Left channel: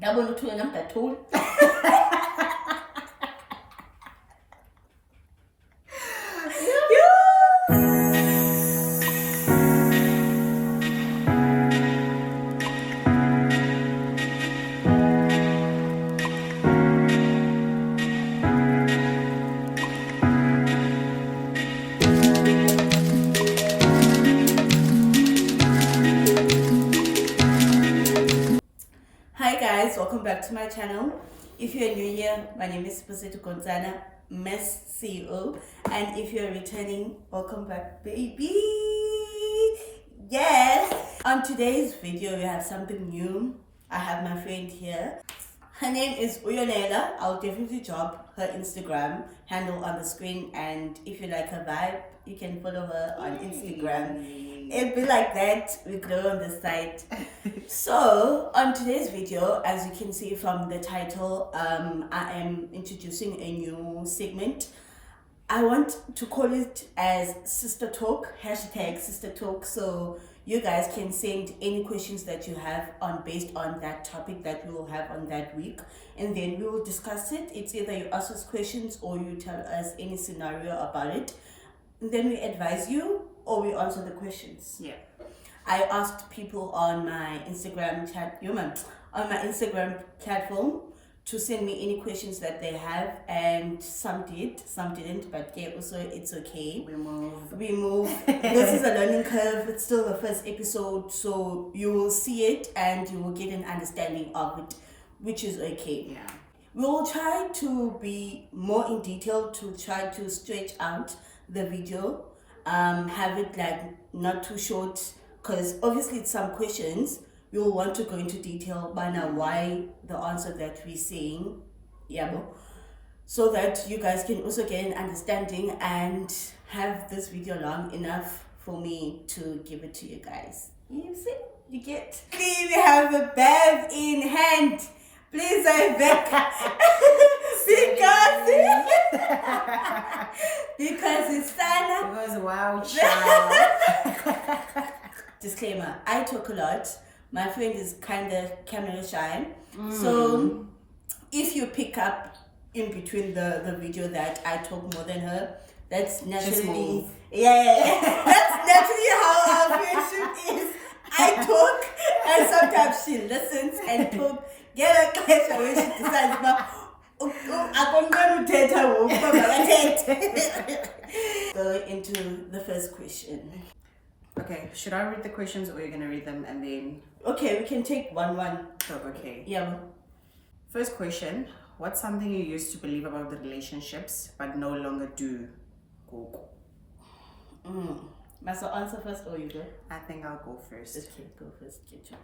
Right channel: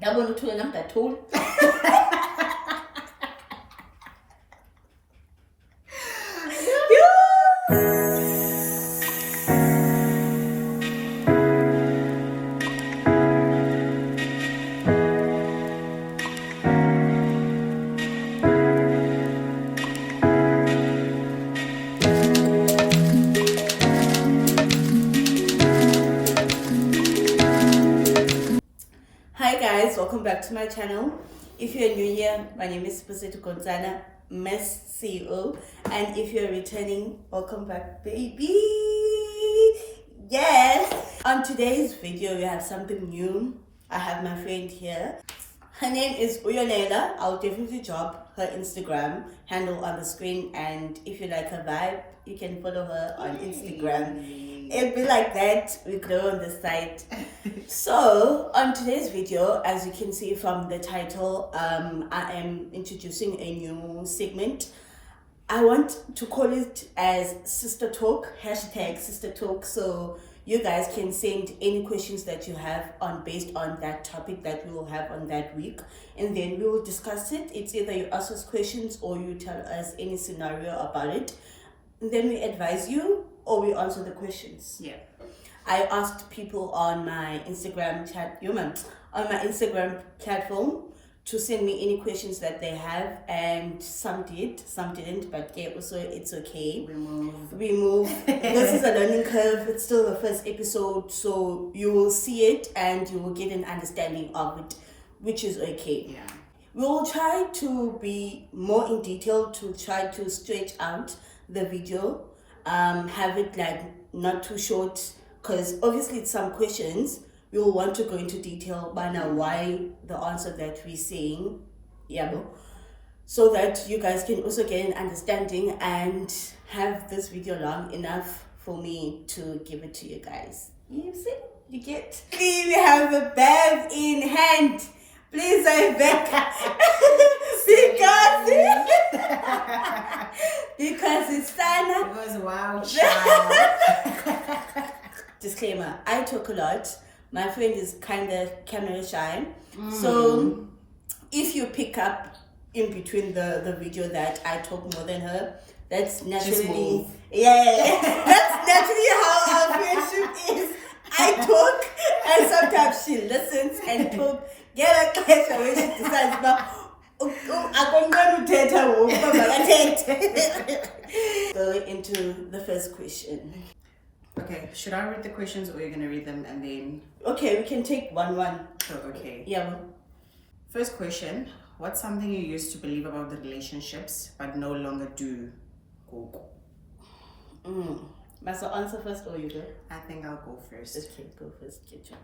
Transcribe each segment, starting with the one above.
Double two and I'm that tool. Hi guys, welcome back to my channel. If you're new here, my name is Pusito Gonzana, Mess CEO, and if you're returning, welcome back, baby. Yes. On today's video, we have something new. I have my friend here. Her name is Uyonela. I'll definitely drop her Instagram handle on the screen, and if you like her vibe, you can follow her on Instagram. It'll be like that. We grow on the site. So on today's video, as you can see from the title, I am introducing a new segment. I want to call it as Sister Talk, hashtag Sister Talk. So you guys can send any questions that you have on based on that topic that we will have on that week, and then we will discuss it. It's either you ask us questions or you tell us any scenario about it, and then we advise you or we answer the questions. Yeah. I asked people on my Instagram chat, on my Instagram platform, to send me any questions that they have, and some did, some didn't, but yeah, also it's okay. We move. This is a learning curve. It's still the first episode, so you will see it and you will get an understanding of it, which is okay. Yeah. We will try to be more in detail, to try to stretch out the video, have it like not too short, because obviously it's some questions we will want to go into detail by now why the answer that we're saying, so that you guys can also get an understanding and have this video long enough for me to give it to you guys. You see, you get. We have a bag in hand. Please, I beg. because it's Sana. It was a wild child. Disclaimer, I talk a lot. My friend is kind of camera shy. So if you pick up in between the video that I talk more than her, that's naturally, that's naturally how our friendship is. I talk and sometimes she listens and talk. Get a class when she decides about Go into the first question. Okay, should I read the questions or are you going to read them and then... Okay, we can take one. Oh, okay. Yeah. First question. What's something you used to believe about the relationships but no longer do? Must I answer first or you go? I think I'll go first. Okay, go first. Get you.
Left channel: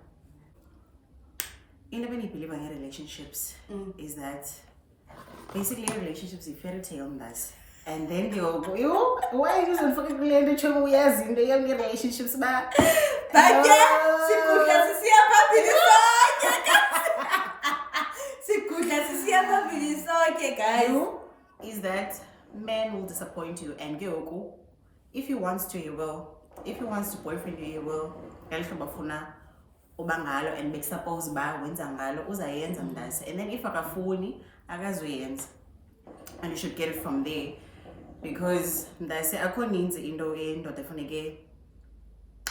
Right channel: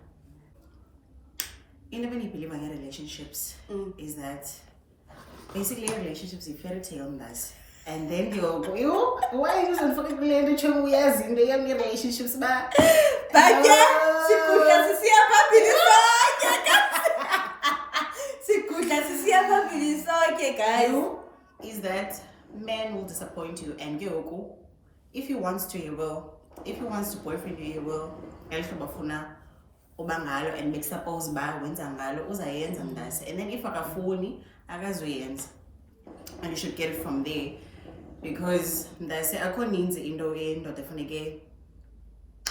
In the way you believe in relationships is that basically a relationship is a fairy tale on us. And then you why are you using fucking related to we as in the young relationships, but is that men will disappoint you and if he wants to, he will. If he wants to boyfriend you, he will. And make suppose and then if akafuni akazoyenza, and you should get it from there, because that's akho ninzi into endoda efuneke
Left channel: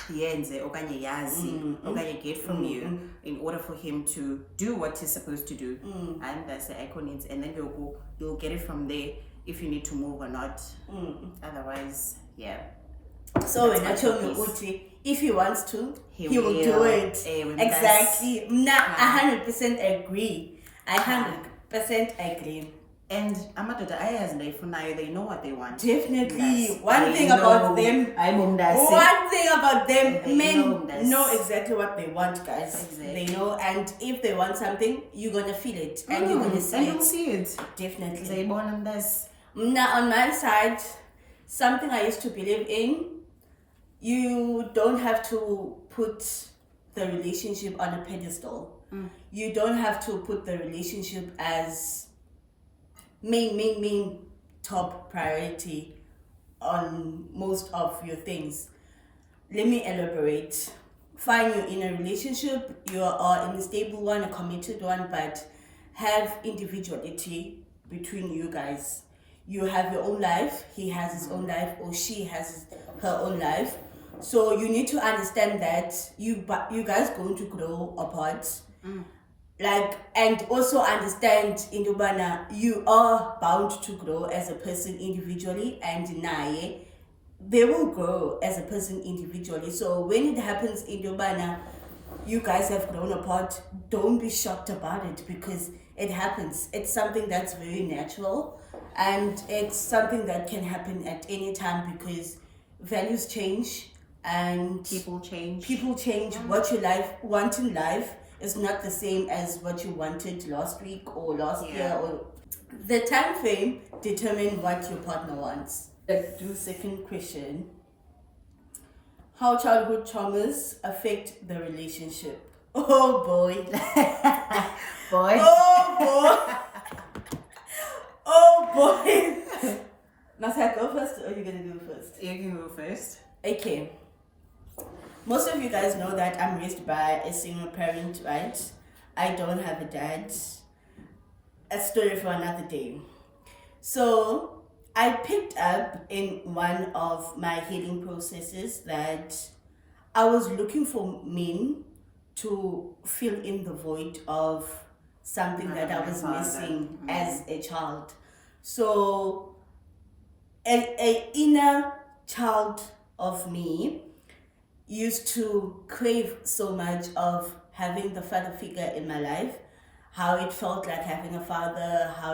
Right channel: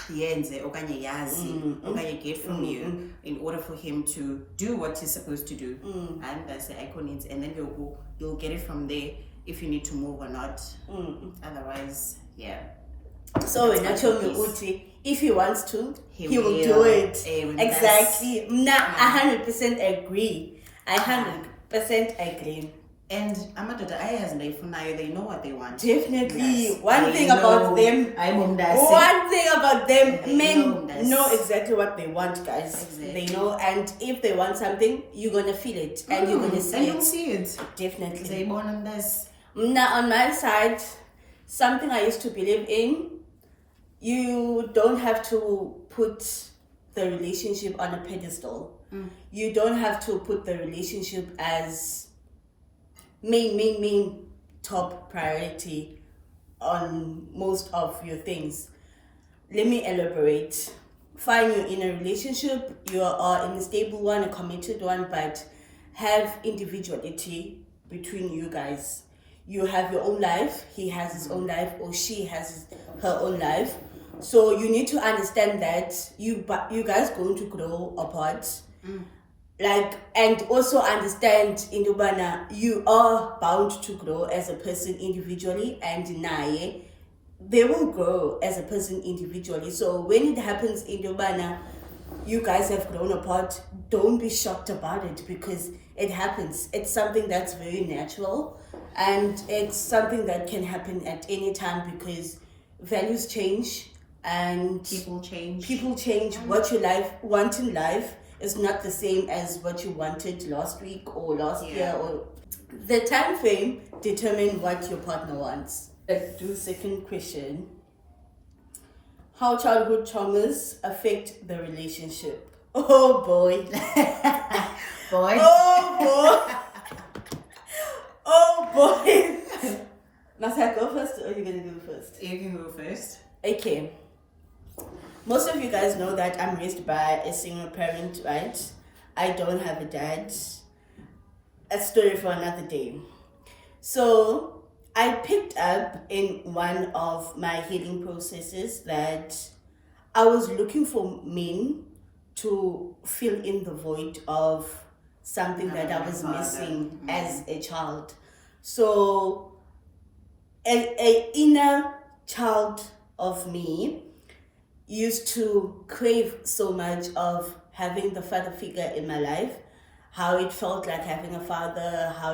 yenze okanye yazi okanye get from you in order for him to do what he's supposed to do, and that's akho ninzi, and then you'll get it from there if you need to move or not. Otherwise, yeah. So when I told me Uti, if he wants to, he will do it. Exactly. Nah, 100% agree. I 100% agree. And amadoda ayazi they know what they want. Definitely. Yes. One thing about them, men know exactly what they want, guys. Exactly. They know, and if they want something, you're gonna feel it and you're gonna see it. See it. Definitely. Now on my side, something I used to believe in, you don't have to put the relationship on a pedestal. You don't have to put the relationship as main top priority on most of your things. Let me elaborate. fine, you're in a relationship, you are in a stable one, a committed one, but have individuality between you guys. You have your own life, he has his own life, or she has her own life. So you need to understand that you guys going to grow apart. Like, and also understand in Dubana, you are bound to grow as a person individually, and naye, they will grow as a person individually. So when it happens in Dubana, you guys have grown apart, don't be shocked about it, because it happens. It's something that's very natural, and it's something that can happen at any time, because values change and People change. What you want in life is not the same as what you wanted last week or last year, or the time frame determine what your partner wants. Let's do second question. How childhood traumas affect the relationship? Oh boy. Boy. Oh boy. Oh boy. Must I go first, or are you gonna go first? You can go first. Okay. Most of you guys know that I'm raised by a single parent, right? I don't have a dad. A story for another day. So I picked up in one of my healing processes that I was looking for men to fill in the void of something that I was missing as a child. So a inner child of me used to crave so much of having the father figure in my life, how it felt like having a father, how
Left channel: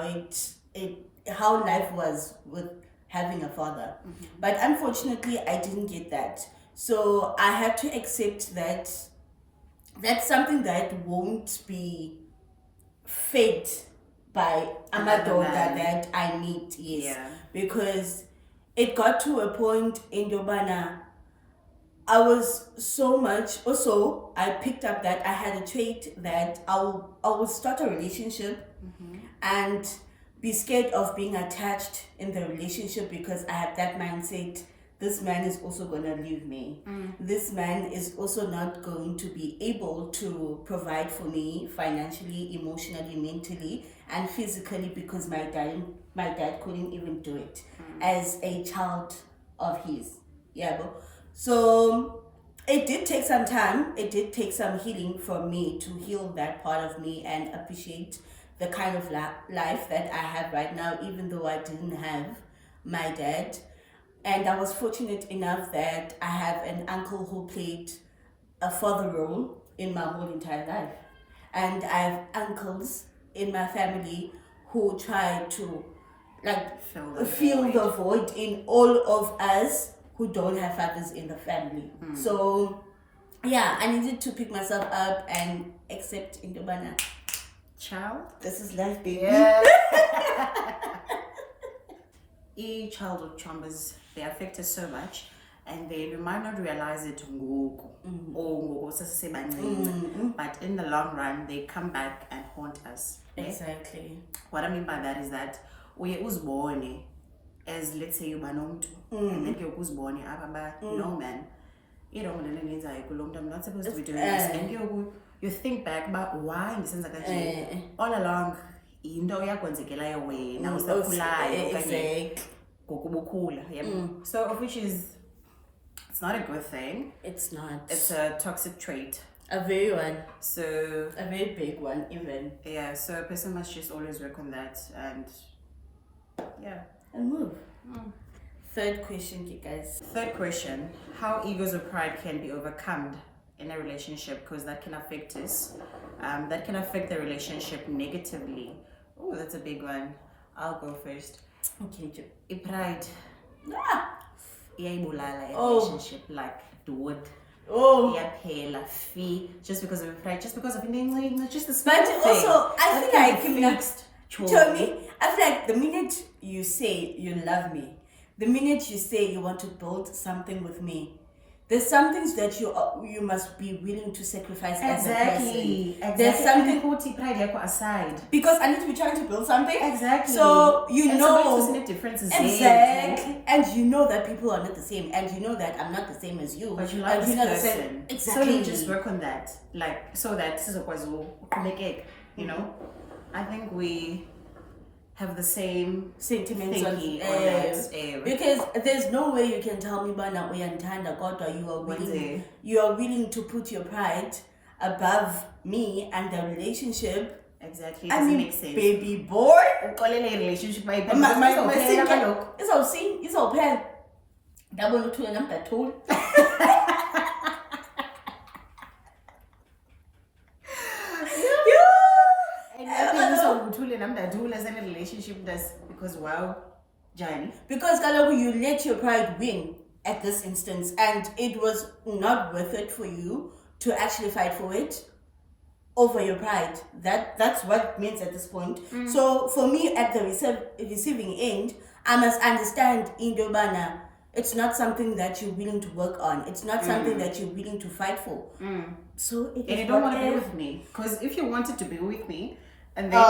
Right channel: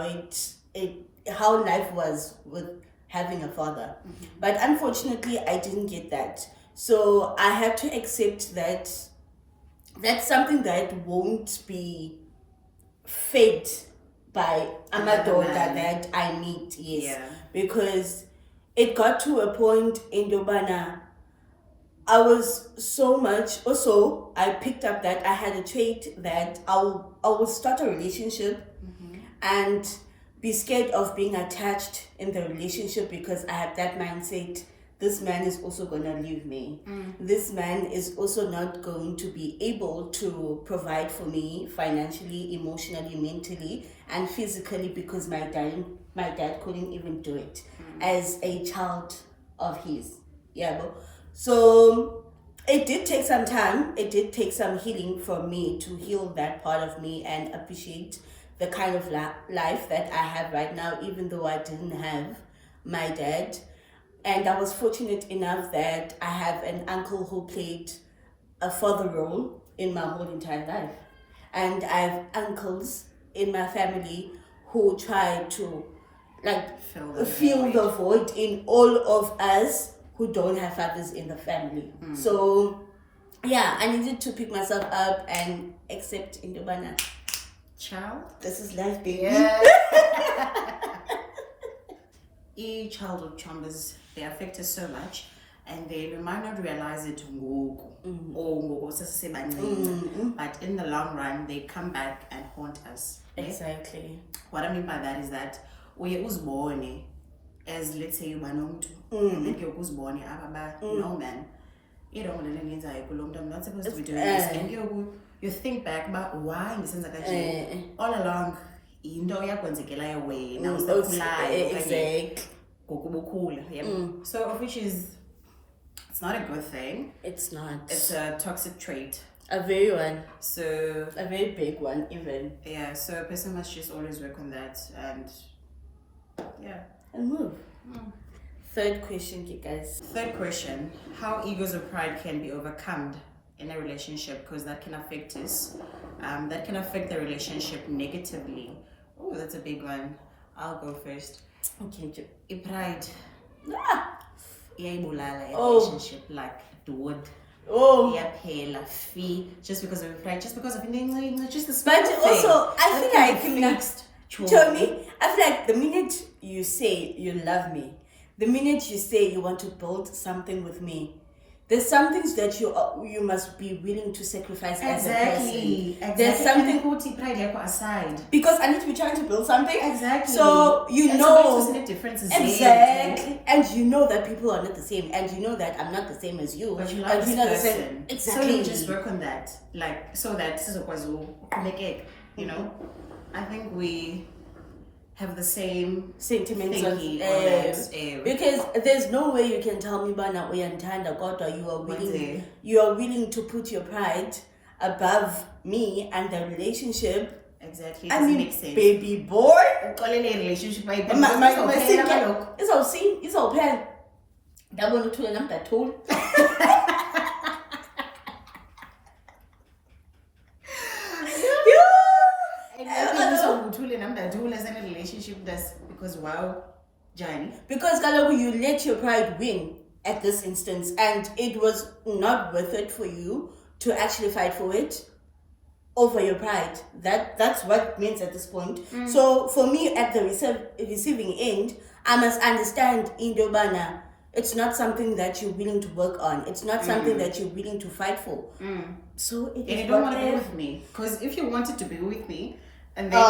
life was with having a father. But unfortunately, I didn't get that. So I had to accept that that's something that won't be fed by Amadoda that I meet, yes. Yeah. Because it got to a point in Dobana, I was so much, also I picked up that I had a trait that I would start a relationship and be scared of being attached in the relationship, because I had that mindset, this man is also going to leave me. This man is also not going to be able to provide for me financially, emotionally, mentally, and physically, because my dad couldn't even do it as a child of his. Yeah, but so it did take some time. It did take some healing for me to heal that part of me and appreciate the kind of life that I have right now, even though I didn't have my dad. And I was fortunate enough that I have an uncle who played a father role in my whole entire life. And I have uncles in my family who try to fill the void in all of us who don't have fathers in the family. So yeah, I needed to pick myself up and accept Indobana. Child. This is life, baby. Yeah. Childhood traumas, they affect us so much, and we might not realize it but in the long run they come back and haunt us. Exactly. What I mean by that is that we uzbone as, let's say, ubanomtu and then you uzbone no man, you don't want to I'm not supposed to be doing this, and you think back about why all along into yakwenzekelayo wena usakhulayo exactly. So which is, it's not a good thing. It's not. It's a toxic trait. A very one. So a very big one even. Yeah, so a person must just always work on that and move. Third question, you guys. Third question, how egos or pride can be overcome in a relationship, because that can affect us. That can affect the relationship negatively. Oh, that's a big one. I'll go first. Okay. Pride. Relationship like dude. Just because of pride, just because of just the but also I feel like tell me, I feel like the minute you say you love me, the minute you say you want to build something with me, there's some things that you must be willing to sacrifice as a person. Exactly. There's something Put pride like aside. because I need to be trying to build something. Exactly. So you know differences exactly, and you know that people are not the same, and you know that I'm not the same as you, but you and like you know the this same. person. Exactly. So you just work on that, like so that this is a make it. You know, I think we have the same sentiments on thinking on that. because there's no way you can tell me bana uyandithanda kodwa you are willing to put your pride above me and the relationship. Exactly. I mean, make sense. baby boy, relationship izawuphela ndabona uthule nam ndathula. Relationship that's because wow, Johnny. Because kaloku you let your pride win at this instance, and it was not worth it for you to actually fight for it over your pride. That's what it means at this point. So for me, at the receiving end, I must understand indobana. It's not something that you're willing to work on. It's not something that you're willing to fight for. So it is. You don't want to be with me, because if you wanted to be with me. And then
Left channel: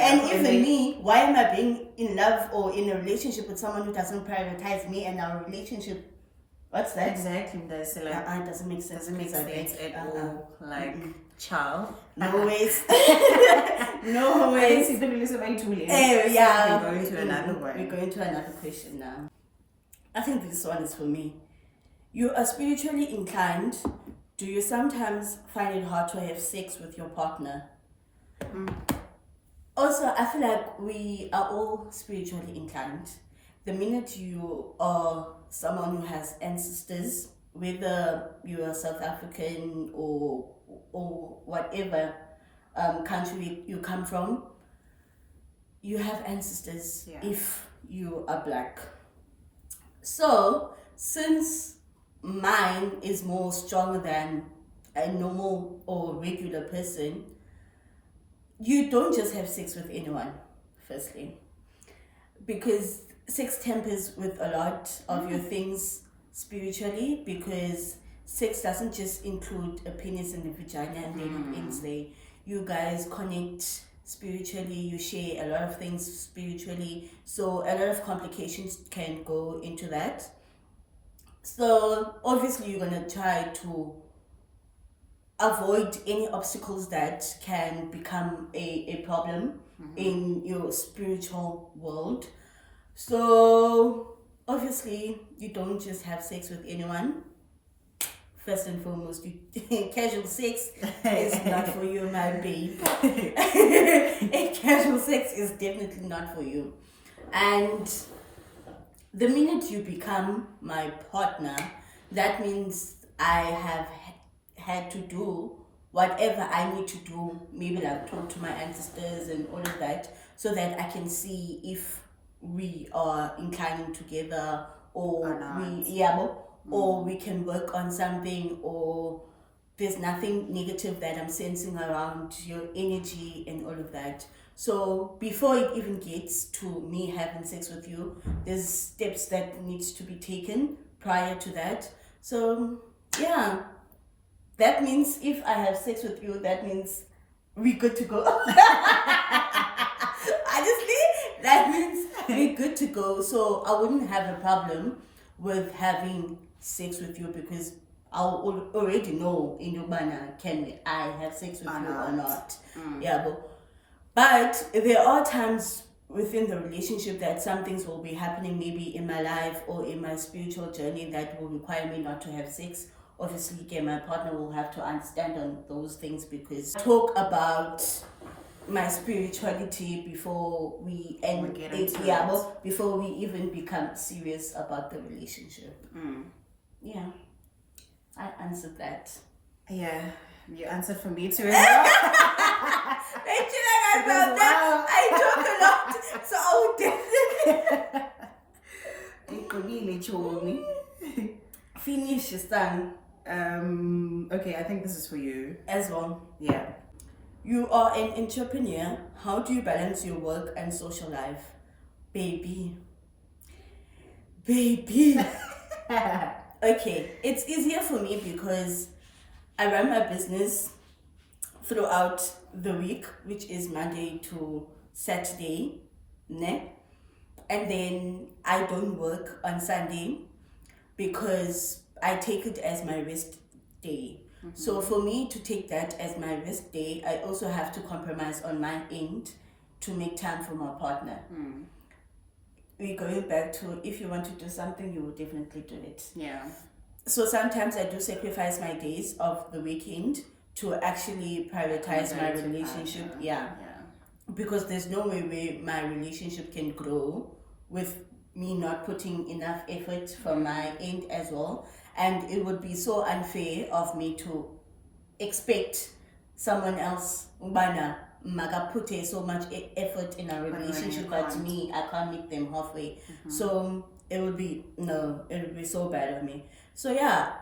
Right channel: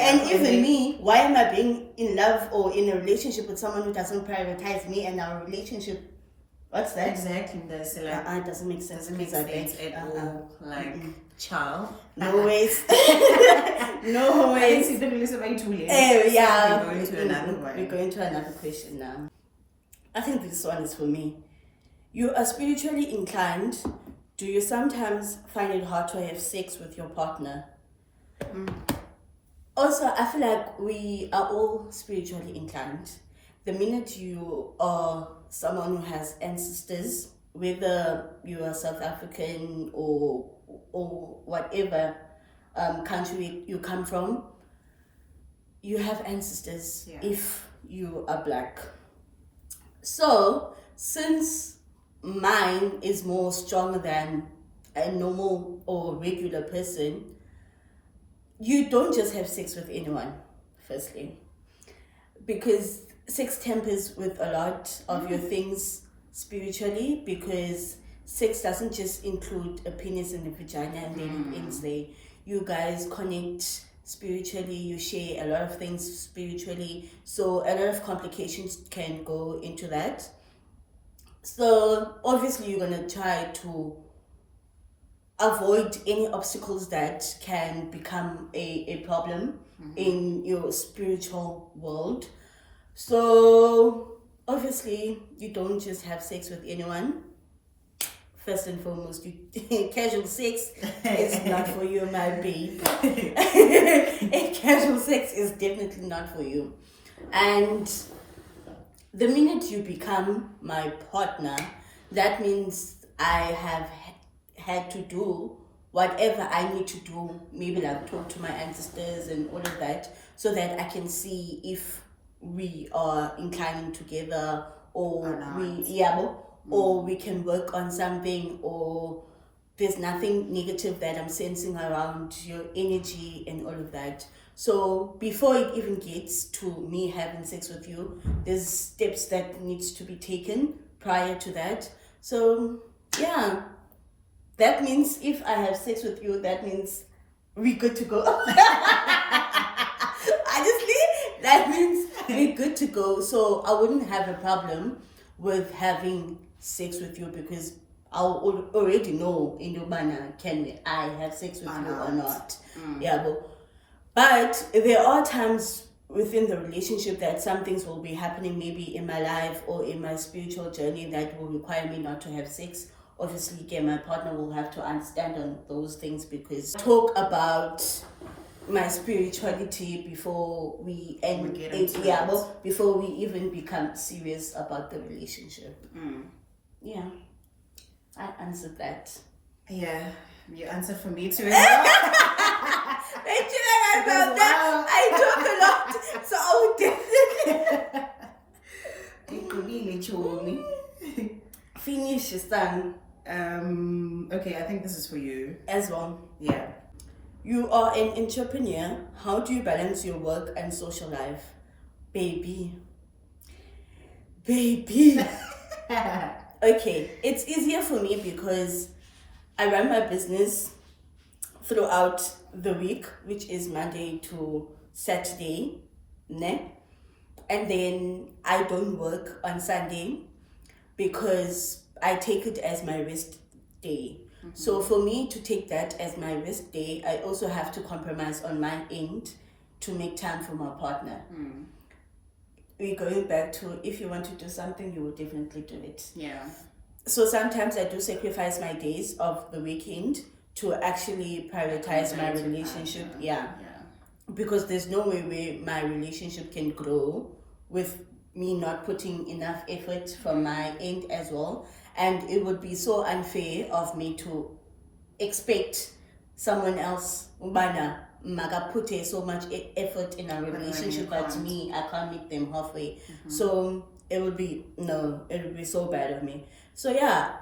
and even me, why am I being in love or in a relationship with someone who doesn't prioritize me and our relationship? What's that? Exactly. That's like, it doesn't make sense. Doesn't make sense at all. Like, child. No ways. No ways. Yeah. We're going to another question now. I think this one is for me. You are spiritually inclined. Do you sometimes find it hard to have sex with your partner? Also, I feel like we are all spiritually inclined. The minute you are someone who has ancestors, whether you are South African or whatever country you come from, you have ancestors if you are black. So, since mine is more stronger than a normal or regular person, you don't just have sex with anyone, firstly, because sex tempers with a lot of your things spiritually, because sex doesn't just include a penis and a vagina and then it ends there. You guys connect spiritually, you share a lot of things spiritually, so a lot of complications can go into that. So obviously you're going to try to avoid any obstacles that can become a problem in your spiritual world. So obviously you don't just have sex with anyone. First and foremost, casual sex is not for you, my babe. Casual sex is definitely not for you. And the minute you become my partner, that means I have had to do whatever I need to do, maybe like talk to my ancestors and all of that, so that I can see if we are inclining together or we can work on something, or there's nothing negative that I'm sensing around your energy and all of that. So before it even gets to me having sex with you, there's steps that needs to be taken prior to that. So yeah, that means if I have sex with you, that means we're good to go. Honestly, that means we're good to go. So I wouldn't have a problem with having sex with you, because I'll already know in Ubana, can I have sex with you or not? Yeah, but there are times within the relationship that some things will be happening, maybe in my life or in my spiritual journey, that will require me not to have sex. Obviously, again, my partner will have to understand on those things, because talk about my spirituality before we before we even become serious about the relationship. Yeah, I answered that. Yeah, you answered for me too as well. Thank you, about that. I talk a lot, so I would definitely finish your son. Okay, I think this is for you as well. Yeah. You are an entrepreneur. How do you balance your work and social life? Baby, Baby. Okay, it's easier for me because I run my business throughout the week, which is Monday to Saturday, ne? And then I don't work on Sunday because I take it as my rest day. So for me to take that as my rest day, I also have to compromise on my end to make time for my partner. We're going back to, if you want to do something, you will definitely do it. Yeah. So sometimes I do sacrifice my days of the weekend to actually prioritize my relationship. Yeah. Because there's no way where my relationship can grow with me not putting enough effort from my end as well. And it would be so unfair of me to expect someone else, Ubana, Maga put so much effort in a relationship that to me, I can't meet them halfway. So it would be so bad of me. So yeah,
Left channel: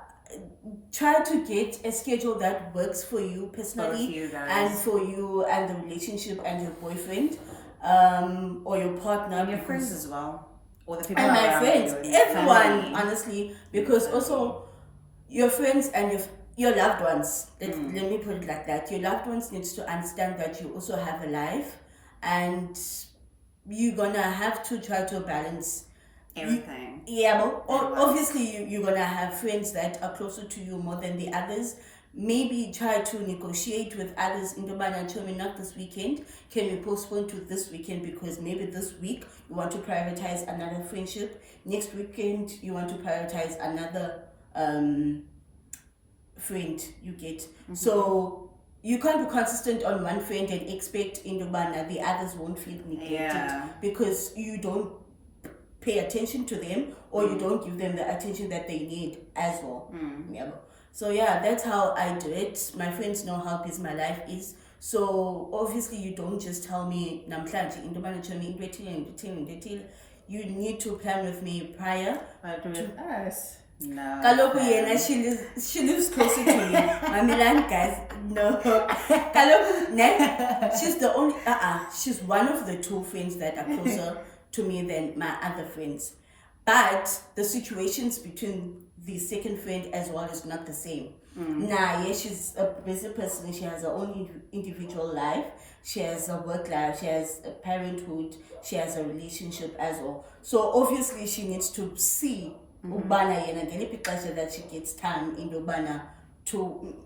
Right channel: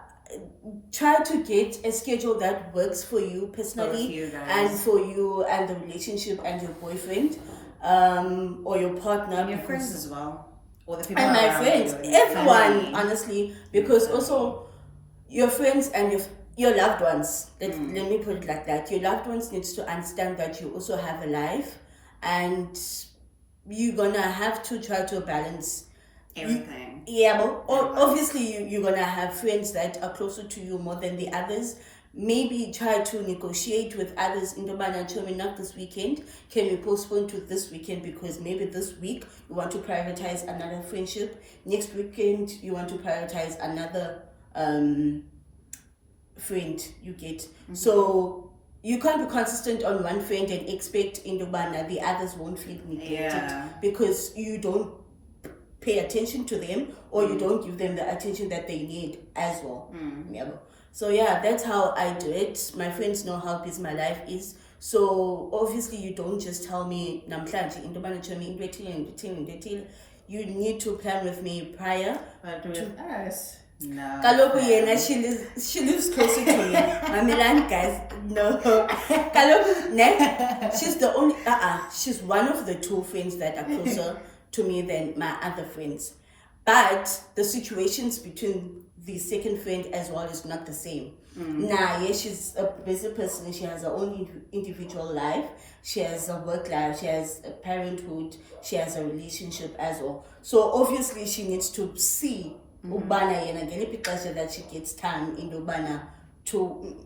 try to get a schedule that works for you personally and for you and the relationship and your boyfriend or your partner. And your friends as well. Or the people and my around friends, you, everyone, honestly, because also your friends and your loved ones, let me put it like that, your loved ones needs to understand that you also have a life and you're gonna have to try to balance everything. But obviously you're gonna have friends that are closer to you more than the others. Maybe try to negotiate with others in the manner, tell me not this weekend, can we postpone to this weekend because maybe this week you want to prioritize another friendship, next weekend you want to prioritize another friend, you get. So you can't be consistent on one friend and expect in the manner the others won't feel neglected because you don't pay attention to them or you don't give them the attention that they need as well. So yeah, that's how I do it. My friends know how busy my life is. So obviously you don't just tell me namhlanje into manager you need to plan with me prior. But with us, no. Kaloku yena, she lives closer to me. My Milan guys, no. Kaloku, ne? She's the only she's one of the two friends that are closer to me than my other friends. But the situations between the second friend as well is not the same. She's a busy person. She has her own individual life. She has a work life. She has a parenthood. She has a relationship as well. So obviously she needs to see ubana yena ngeliphi ixesha that she gets time in ubana to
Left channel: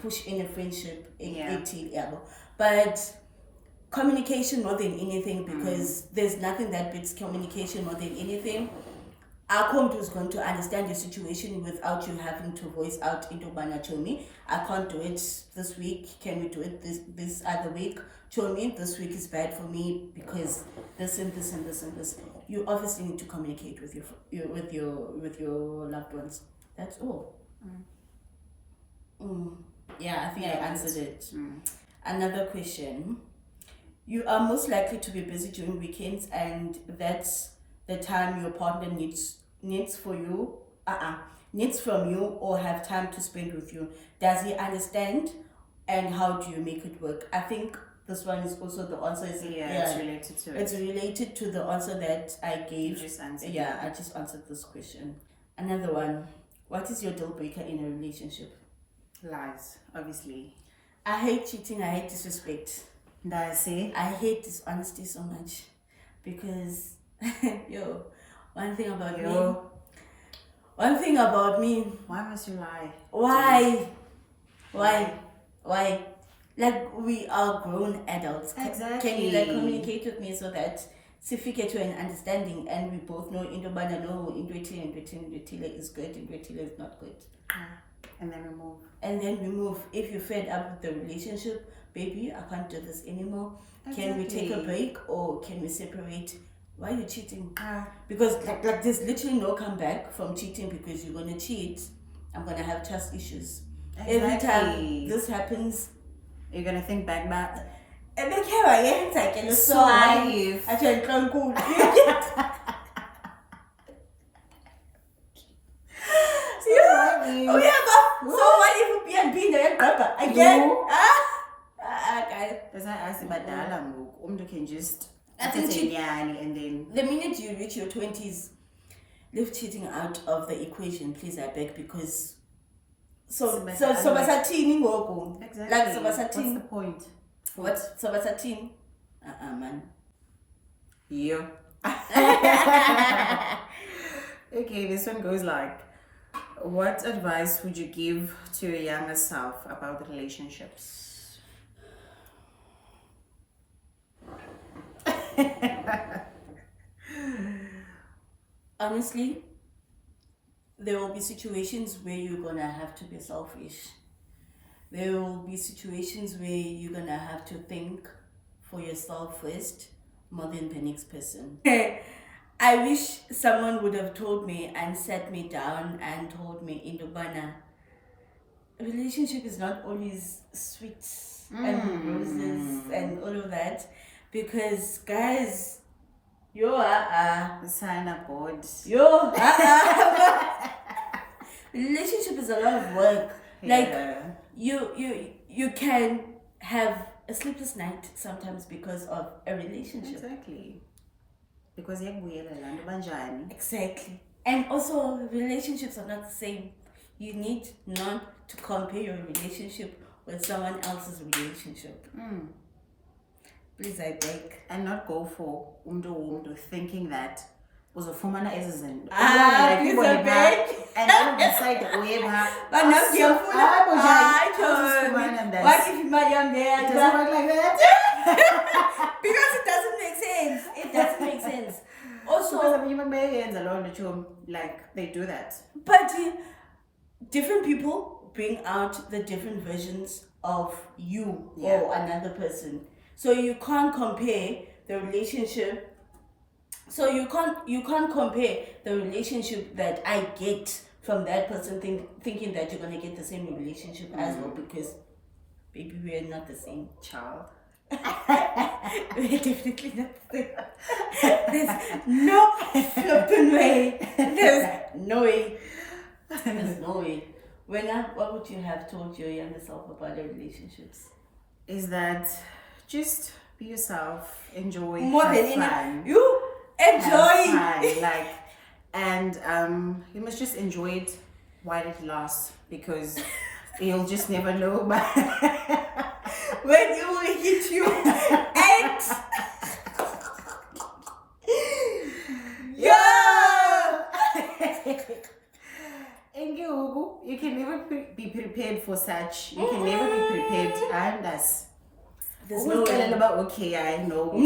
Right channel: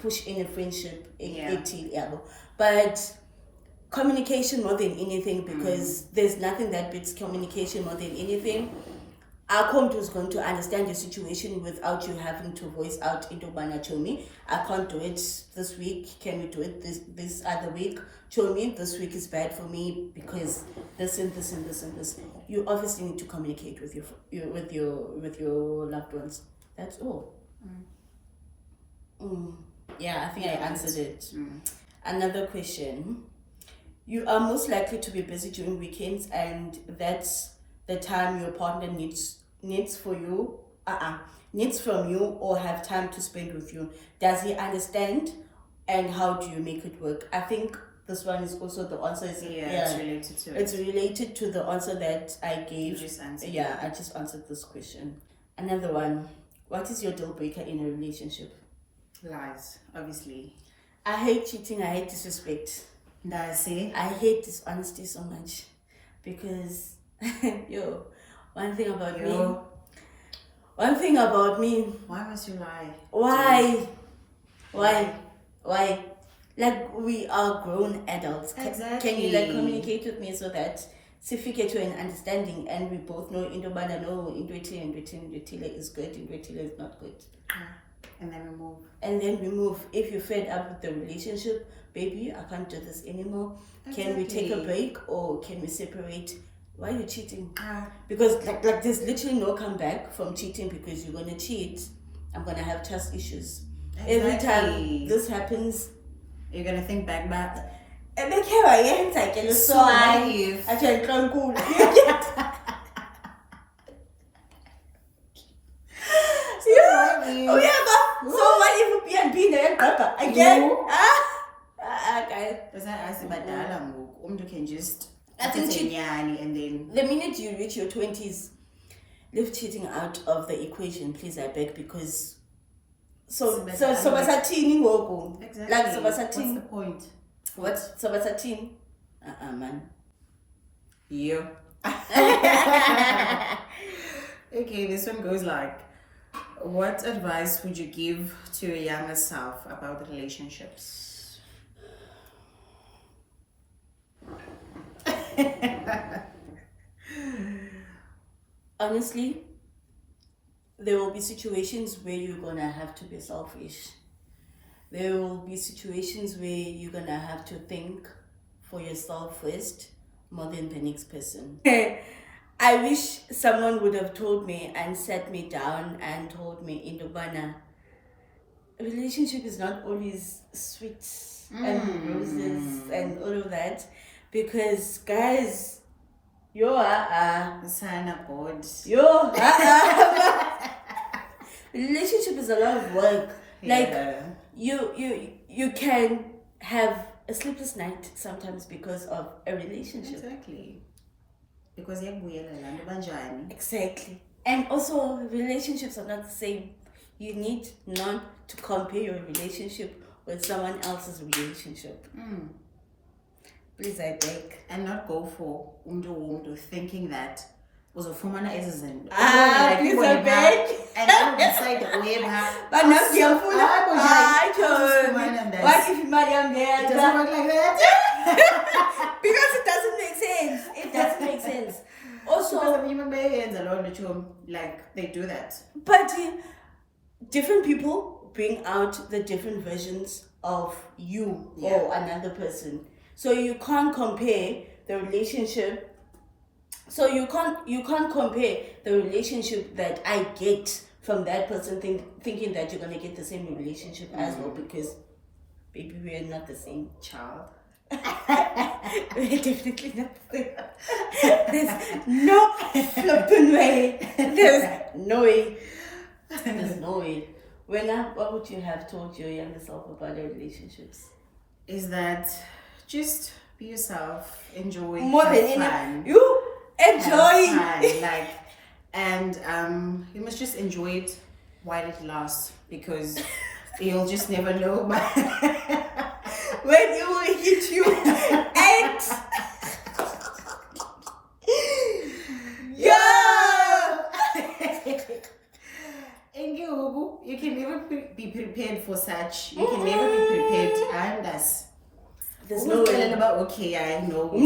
push in a friendship but communication more than anything, because there's nothing that beats communication more than anything. Our comp is going to understand your situation without you having to voice out into Bana Chomi. I can't do it this week. Can we do it this other week? Chomi, this week is bad for me because this and this and this and this. You obviously need to communicate with your loved ones. That's all. Yeah, I think I answered it. Another question. You are most likely to be busy during weekends, and that's the time your partner needs from you or have time to spend with you. Does he understand, and how do you make it work? I think this one is also the answer. It's related to it. It's related to the answer that I gave. I just answered this question. Another one. What is your deal breaker in a relationship? Lies, obviously. I hate cheating. I hate disrespect. I hate dishonesty so much because one thing about me. Why must you lie? Why? Like, we are grown adults. Exactly. Can you communicate with me so that sifike to an understanding and we both know Indobana Indwetile is good, Indwetile is not good. And then we move. If you're fed up with the relationship, baby, I can't do this anymore. Exactly. Can we take a break or can we separate? Why are you cheating? Because like there's literally no comeback from cheating, because you're gonna cheat. I'm gonna have trust issues. Exactly. Every time this happens, you're gonna think back. And then here I am, like, and so I can't cool. So what if we are being a again? Guys, that's why I asked about Dalam. Can just I think and then the minute you reach your 20s, leave cheating out of the equation, please, I beg, because so better basathini ngoku. Exactly. Like so What's basathini. the point? What so basathini? Man. Yeah. Okay, this one goes like, what advice would you give to your younger self about relationships? Honestly, there will be situations where you're gonna have to be selfish. There will be situations where you're gonna have to think for yourself first more than the next person. I wish someone would have told me and sat me down and told me in Dubana, a relationship is not always sweet and roses and all of that, because guys, The sign up board. relationship is a lot of work. Like you can have a sleepless night sometimes because of a relationship. Exactly. Because Exactly. And also, relationships are not the same. You need not to compare your relationship with someone else's relationship. Please, I beg. And not go for umdo thinking that uzofumana izinto. Please, I beg. And I don't decide But not your phone. What if you marry on there? It doesn't work like that. Because it doesn't make sense. It doesn't make sense. Also, like they do that. But different people bring out the different versions of you or another person. So you can't compare the relationship. So you can't compare the relationship that I get from that person thinking that you're gonna get the same relationship as well, because baby, we are not the same child. We're definitely not the same. There's no flipping way. There's no way. There's no way. What would you have told your younger self about your relationships? Is that just be yourself, enjoy more than anything. You enjoy like, and you must just enjoy it while it lasts, because you'll just never know when it will hit you. And you can never be prepared for such. You can never be prepared. And us. There's no way. About okay, I know. And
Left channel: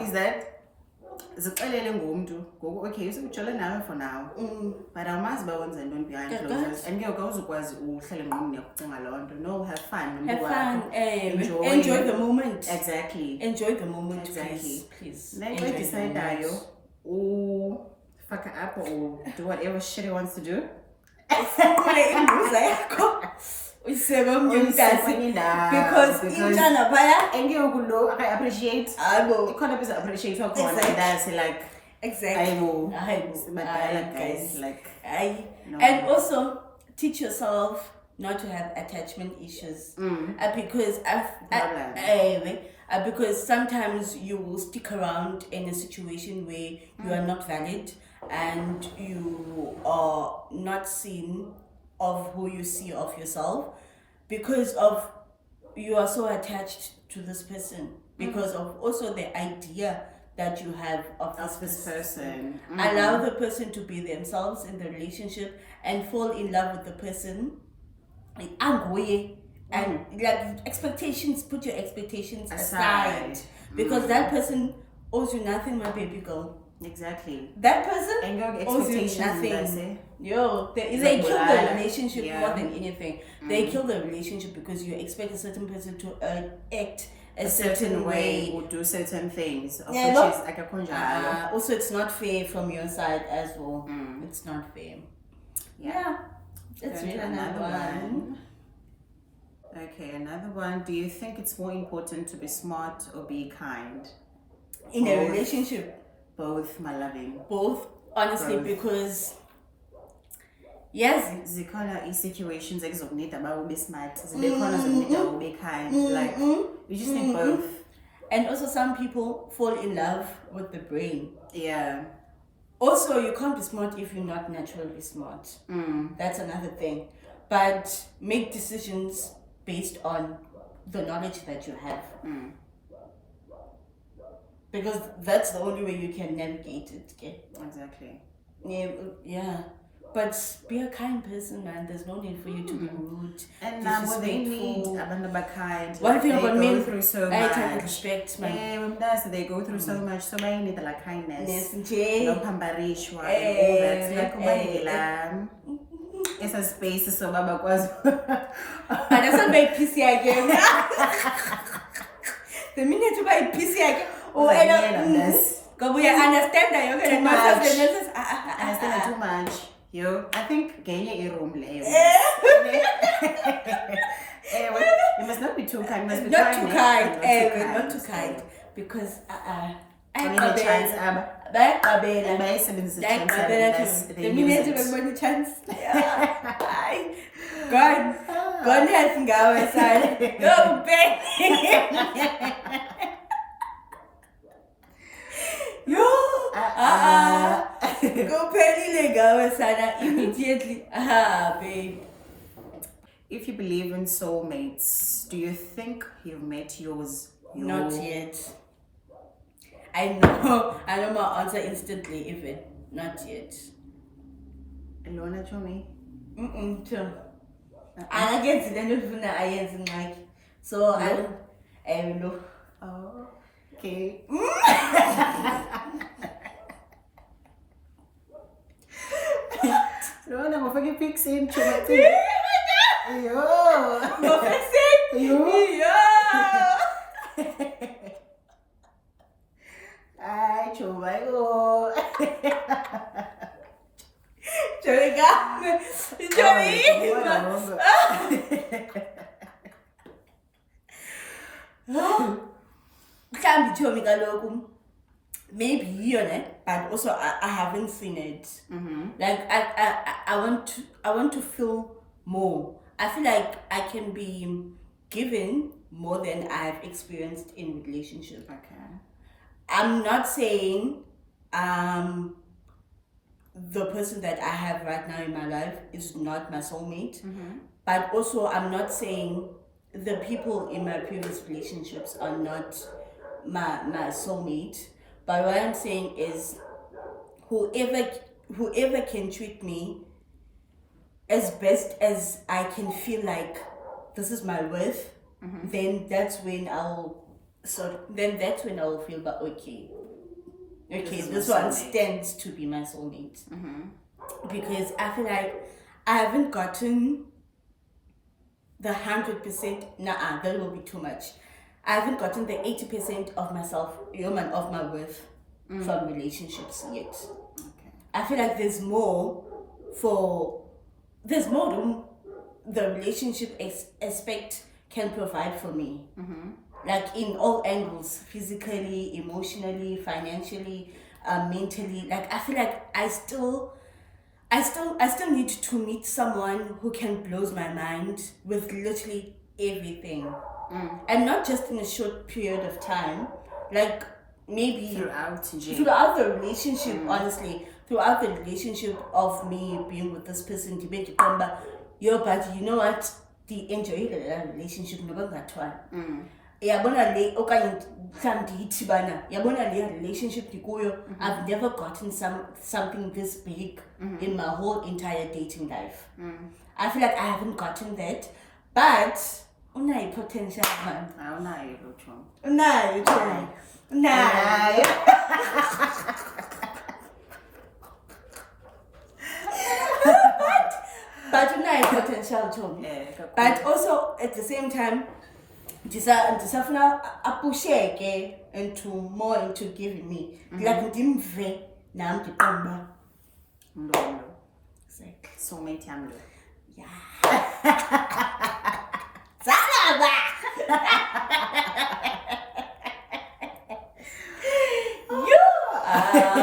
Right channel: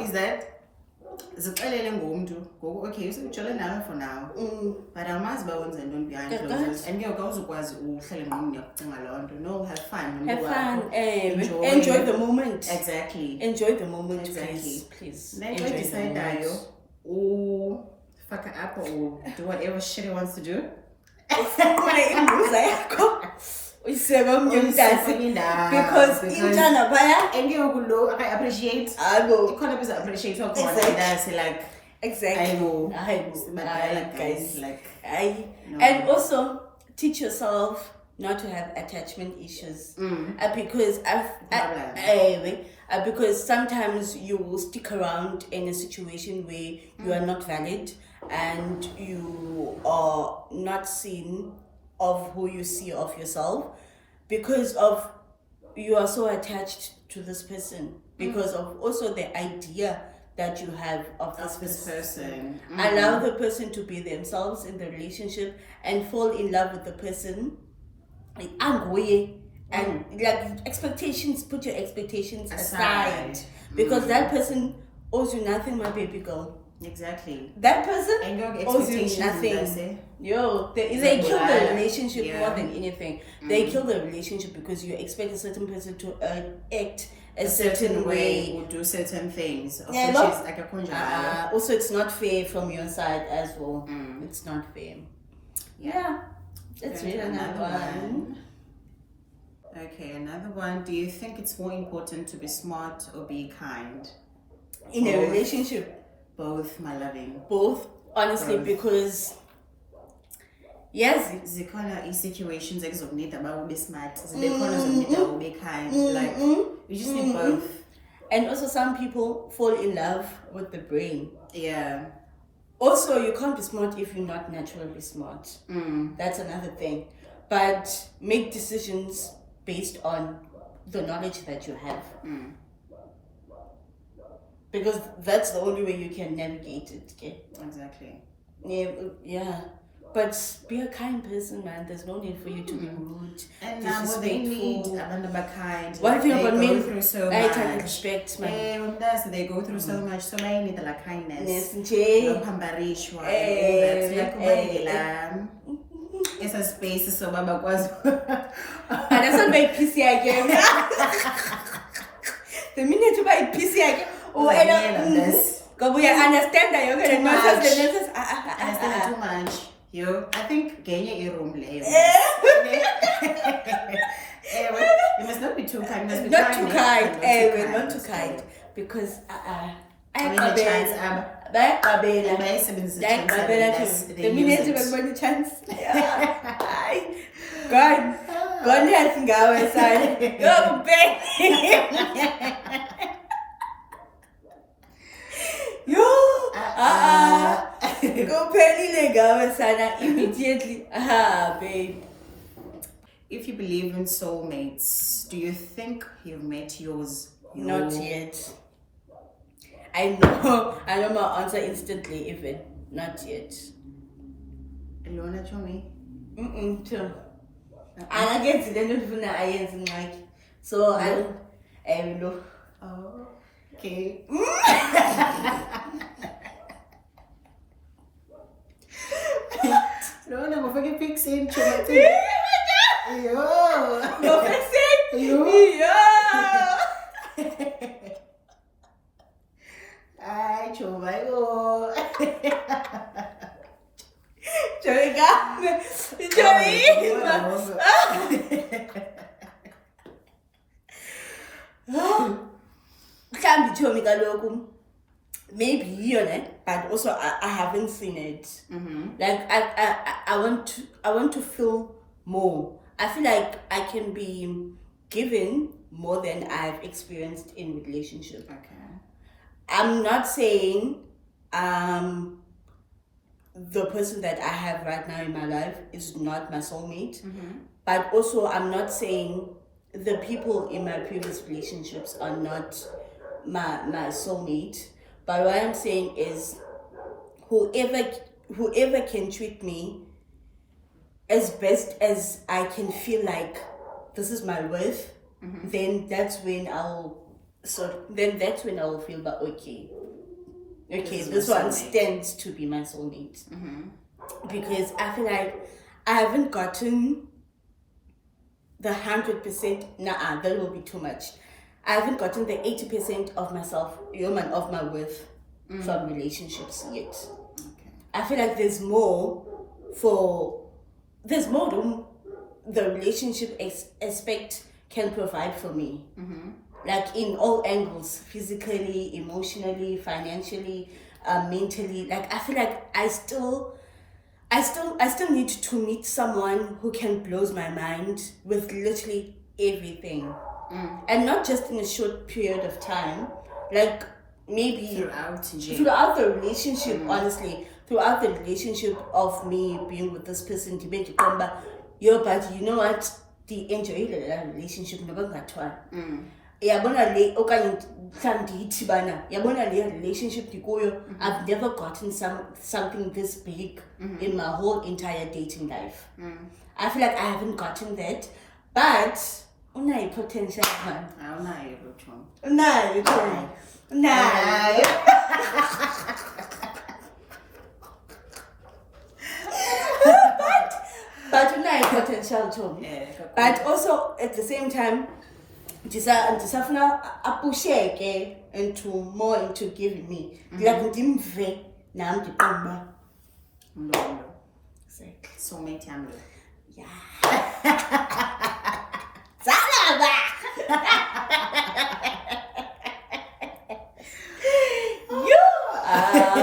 is that zixelele ngomntu ngoku okay usikujola nawe for now but amazi uba wenza ntoni behind closed doors and ke awuzukwazi uhlale ngqondo uyakucinga loo nto. No, have fun, enjoy the moment. Exactly, enjoy the moment. Exactly. Please then when you decide that you fuck it up or do whatever shit he wants to do, because intana phaya and you I appreciate appreciate what like exactly. I know guys, like no. And also teach yourself not to have attachment issues, because sometimes you will stick around in a situation where you are not valid and you are not seen of who you see of yourself, because of you are so attached to this person, because of also the idea that you have of this person. Allow the person to be themselves in the relationship and fall in love with the person. And like expectations, put your expectations aside, because that person owes you nothing, my baby girl. Exactly. That person owes you nothing. They kill the relationship more than anything. They kill the relationship because you expect a certain person to act a certain way or do certain things. Also, it's not fair from your side as well. It's not fair. Let's read another one. Okay, another one. Do you think it's more important to be smart or be kind in a relationship? Both, my loving. Both, honestly, because Yes. zikhona i-situations ekuzokunida uba ube smart, zibe khona zokunida ube kind, like you just need both. And also some people fall in love with the brain. Yeah. Also, you can't be smart if you're not naturally smart. That's another thing. But make decisions based on the knowledge that you have. Because that's the only way you can navigate it. Okay? Exactly. Yeah. But be a kind person, man. There's no need for you to be rude, And now what they need, abantu kind. One thing about men, through so I much. can respect, man. They go through so much, so they need like kindness. Yes, No pambarishwa and all that. Like it's a space so baba kwazi. And that's not my PC again. The minute you buy PC again, we understand that you're gonna not understand too much. Yo, I think genye room lay. You must not be too kind. You must be not kind. Too kind. Not too kind. Because the minute you have money chance. God has ngawe sana. Yo Yo, kuphelile ngawe sana immediately. Babe. If you believe in soulmates, do you think you've met yours? Not yet. I know my answer instantly, even. Not yet. You wanna tell me? Too. And I get it, so I don't know. Oh, okay. No, I'm fucking fixing. Yo. No fixing. Yo. Ay, chumayo. Can't be Chomi kaloku. Maybe but also I haven't seen it. Like I want to feel more. I feel like I can be given more than I've experienced in relationship. Okay. I'm not saying the person that I have right now in my life is not my soulmate, but also I'm not saying the people in my previous relationships are not my soulmate. But what I'm saying is whoever can treat me as best as I can feel like this is my worth, then that's when I'll feel that okay, this one stands to be my soulmate. Because I feel like I haven't gotten the 100%. That will be too much. I haven't gotten the 80% of myself, of my worth from relationships yet. Okay. I feel like there's more room the relationship aspect can provide for me. Like in all angles, physically, emotionally, financially, mentally. Like I feel like I still need to meet someone who can blow my mind with literally everything. And not just in a short period of time, like maybe throughout the relationship, honestly, throughout the relationship of me being with this person, but you know what, the enjoy the relationship relationship I've never gotten something this big in my whole entire dating life. I feel like I haven't gotten that, but unayo potential man. Unayo. But unayo potential too. But also at the same time, ndisafuna apusheke into giving me. Like ndimve nam ndiqomba. Soulmate yami. Yeah. Salaba.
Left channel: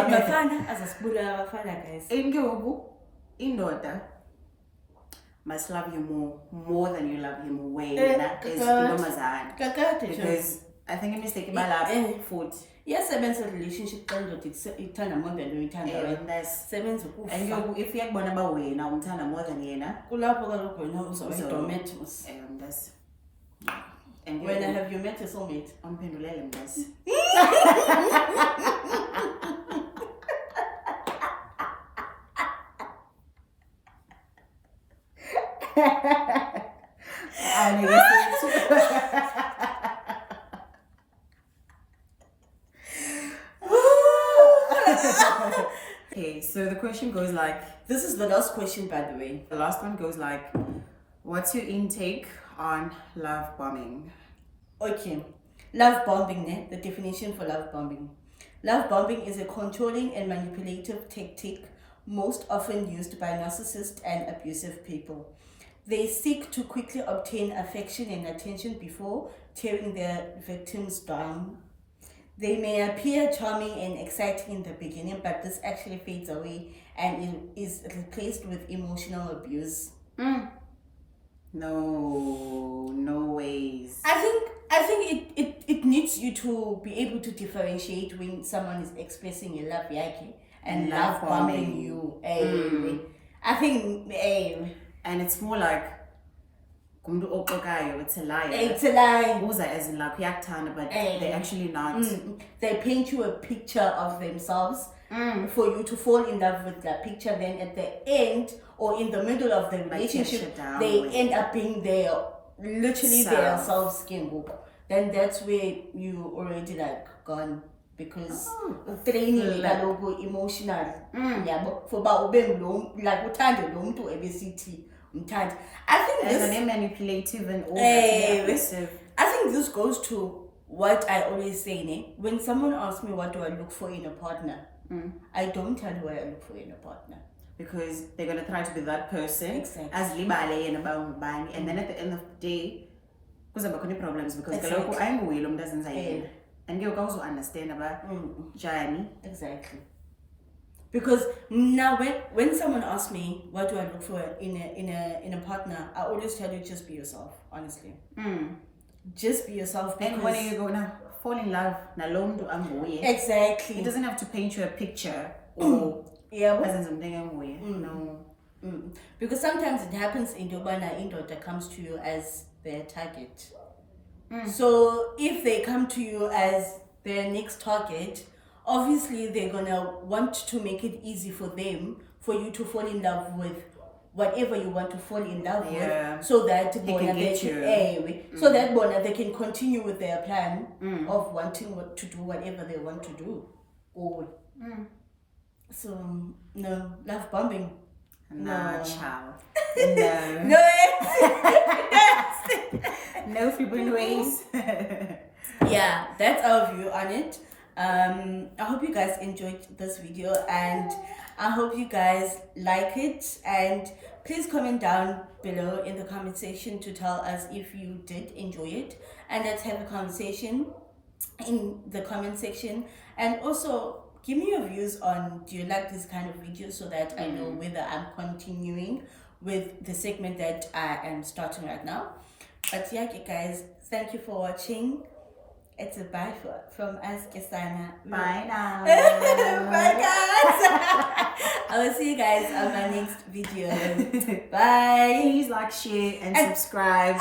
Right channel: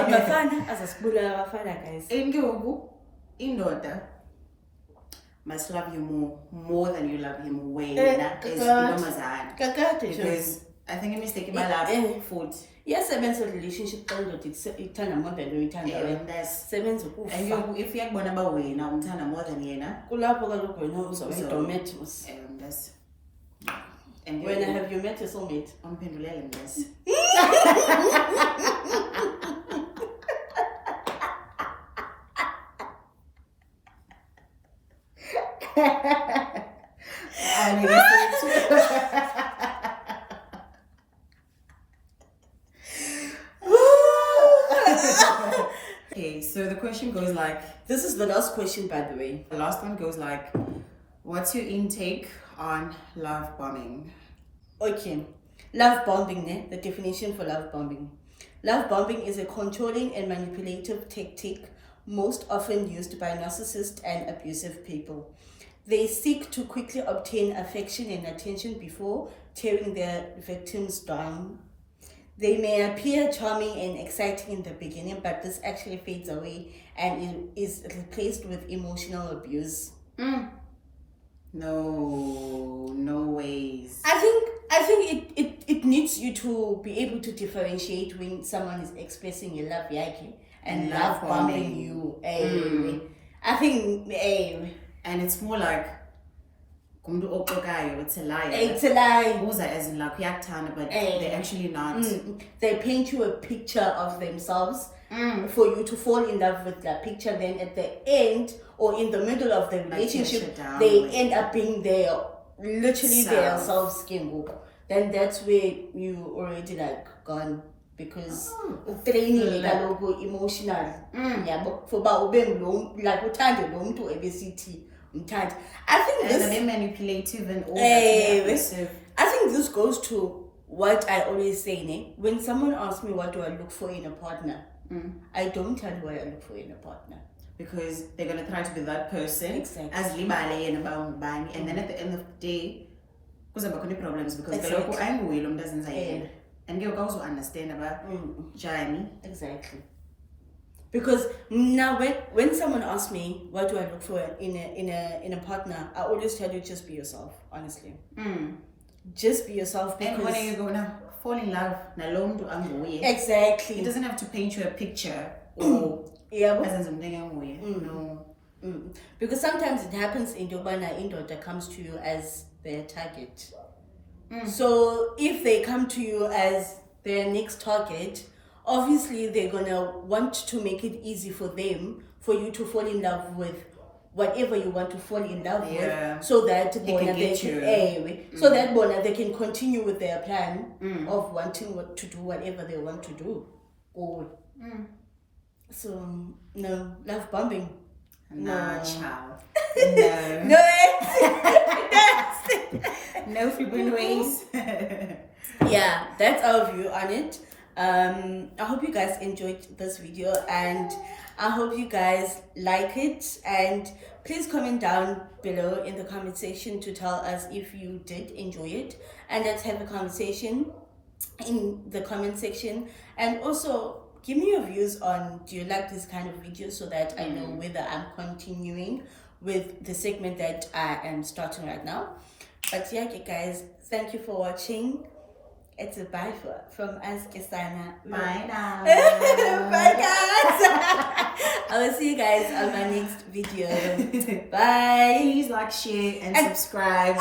Mafana azasibulala abafana guys. Induku indoda must love you more than you love him way. Because I think a mistake about that food. Yes, seven's a relationship it turn a more than you turn seven's and if you're born about way now turn more than yena. And when have you met a soulmate? Okay, so the question goes like, this is the last question, by the way. The last one goes like, what's your intake on love bombing? Okay, love bombing, the definition for love bombing. Love bombing is a controlling and manipulative tactic most often used by narcissists and abusive people. They seek to quickly obtain affection and attention before tearing their victims down. They may appear charming and exciting in the beginning, but this actually fades away and is replaced with emotional abuse. No ways. I think it needs you to be able to differentiate when someone is expressing your love yaki and love bombing you. I think and it's more like it's a lie. It's a lie. As in like but they're actually not. They paint you a picture of themselves for you to fall in love with that picture. Then at the end or in the middle of the relationship, they end up being literally their self-skin book. Then that's where you already like gone, because training emotional. Yeah, but for like I think this manipulative and all that. I think this goes to what I always say, when someone asks me what do I look for in a partner, I don't tell what I look for in a partner. Because they're gonna try to be that person as libale and about bang, and then at the end of the day, because I'm going problems because the local angle doesn't say and you also understand about journey. Exactly. Because now when someone asks me what do I look for in a partner, I always tell you just be yourself, honestly. Just be yourself, because and when you go now fall in love exactly, it doesn't have to paint you a picture or because sometimes it happens in Dubai that comes to you as their target. So if they come to you as their next target, obviously they're gonna want to make it easy for them for you to fall in love with whatever you want to fall in love with, so that they can continue with their plan of wanting to do whatever they want to do. So no, love bombing. Child. No. No frequent ways. Yeah, that's our view on it. I hope you guys enjoyed this video, and I hope you guys like it, and please comment down below in the comment section to tell us if you did enjoy it, and let's have a conversation in the comment section. And also give me your views on, do you like this kind of videos, so that I know whether I'm continuing with the segment that I am starting right now. But yeah, guys, thank you for watching. It's a bye from us, Kisana. Bye now. Bye, guys. I will see you guys on my next video. Bye. Please like, share, and subscribe.